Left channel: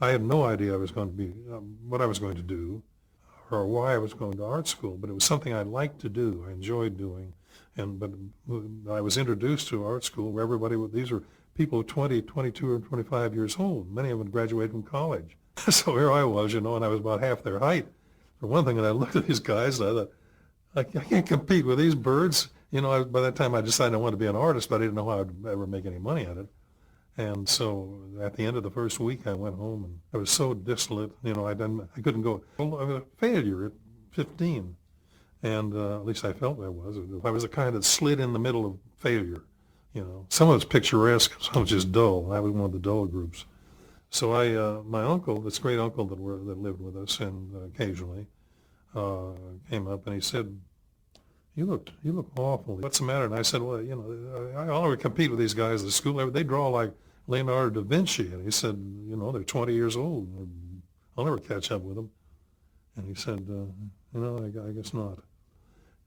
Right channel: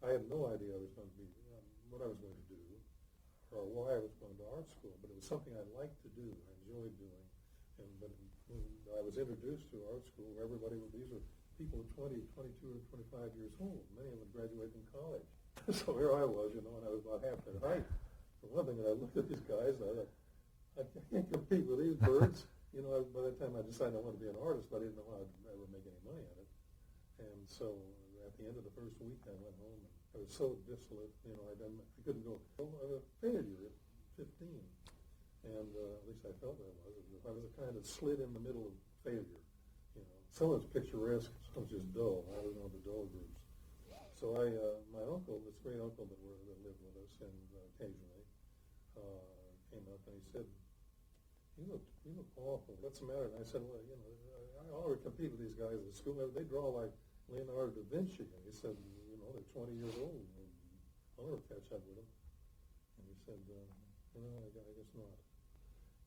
I had no idea I was going to be, what I was going to do or why I was going to art school, but it was something I liked to do. I enjoyed doing. But I was introduced to art school where these were people 20, 22, or 25 years old. Many of them graduated from college. So here I was, and I was about half their height. For one thing, and I looked at these guys, and I thought, I can't compete with these birds. By that time I decided I wanted to be an artist, but I didn't know how I'd ever make any money at it. And so at the end of the first week, I went home, and I was so dissolute. I couldn't go. Well, I was a failure at 15, and at least I felt I was. I was the kind that slid in the middle of failure. Some of it's picturesque, some was just dull. I was one of the dull groups. So my uncle, this great uncle that lived with us, and occasionally came up and he said, "You look awful. What's the matter?" And I said, "Well, I'll never compete with these guys at school. They draw like Leonardo da Vinci." And he said, "They're 20 years old. I'll never catch up with them." And he said, I guess not."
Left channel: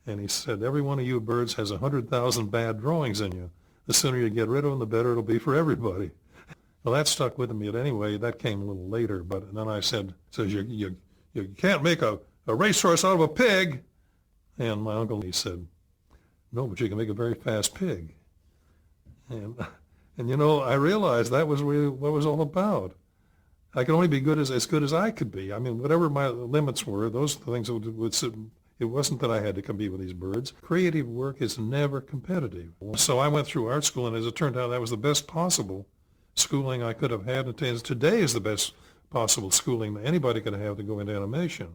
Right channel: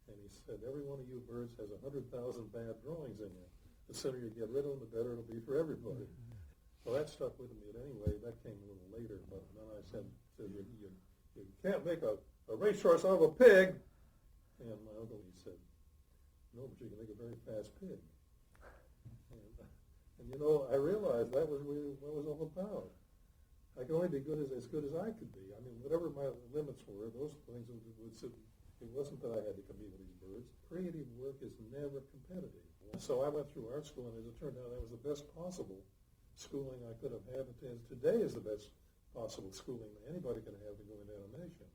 And he said, "Every one of you birds has 100,000 bad drawings in you. The sooner you get rid of them, the better it'll be for everybody." Well, that stuck with me. But anyway, that came a little later. But then I said, "You can't make a racehorse out of a pig." And my uncle, he said, "No, but you can make a very fast pig." And I realized that was really what it was all about. I could only be as good as I could be. I mean, whatever my limits were, those things would it wasn't that I had to compete with these birds. Creative work is never competitive. So I went through art school, and as it turned out, that was the best possible schooling I could have had. And today is the best possible schooling that anybody could have to go into animation.